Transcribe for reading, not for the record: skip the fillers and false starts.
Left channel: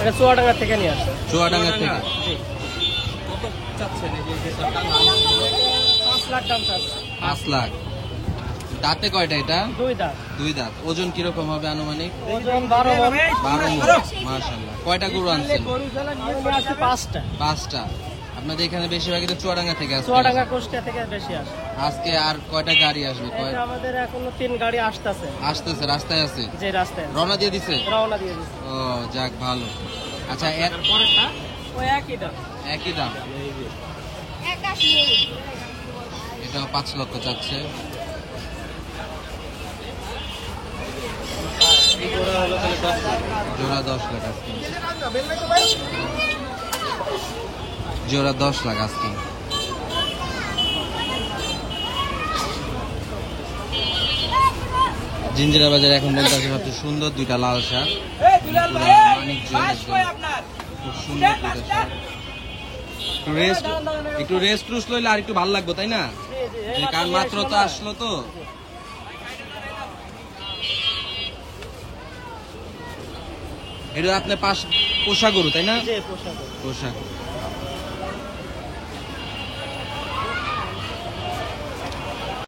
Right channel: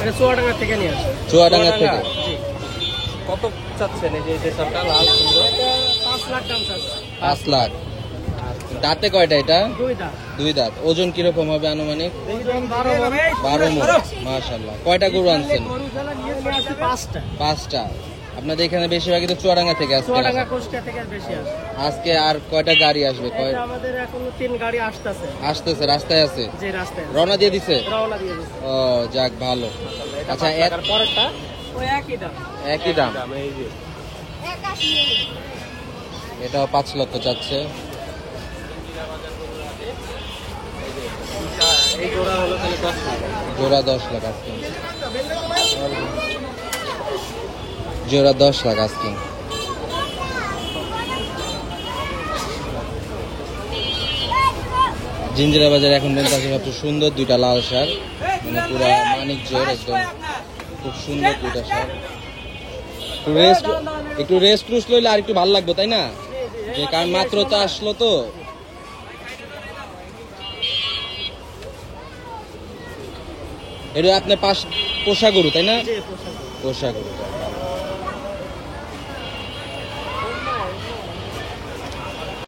এটা চুয়াডাঙ্গা থেকে নিয়ে আসছে। চুয়াডাঙ্গা থেকে। জি। কত চাচ্ছেন এই যে সরটা লাল সুন্দর? 5 লাখ দাম চাচ্ছে। 5 লাখ। দাঁতে কয়টা এটা? 2 দাঁত। 2 দাঁত। ওজন কিরকম হবে আনুমানিক? ওজন 12 মণ। 12 মণ। মাশাআল্লাহ। কয়টা গরু আনছেন? নিয়ে আসছে 5টা। 5টা। আপনাদের এখানে বেশিরভাগই তো চুয়াডাঙ্গা থেকে আসছে। চুয়াডাঙ্গা কুষ্টিয়া থেকে বেশি আসে। আজকে আর কয়টা গাড়ি আসবে? এটা আমাদের এখনো 3 গাড়ি আসতেছে। আসতেছে, রাস্তায় আছে। যে রাস্তায় রওনা দিয়ে দিছে? রওনা দিয়ে দিছে। ও যাক ভালো। আচ্ছা আর পরেরটা ওই একই দাম। একই দাম। এটা 5 লক্ষ চাচ্ছে। এই জোড়া হলো তাহলে 10 লাখ। জোড়া 10 লাখ আজকে। জোড়া 10 লাখ আজকে। জিঞ্জিরা বাজারে এখন পর্যন্ত আছে সবচেয়ে সুন্দর 2টা লাল সার, পুরো মানিকজোর একদম খুব সুন্দর 2টা সার। একটু রেস্ট টুস্ট লইলে আর একটু ভালো লাগবে, তাই না? যে কারণ মাত্র তো আসলো তো। এটা আপনার পোষা গরু, তাই না? পোষা গরু।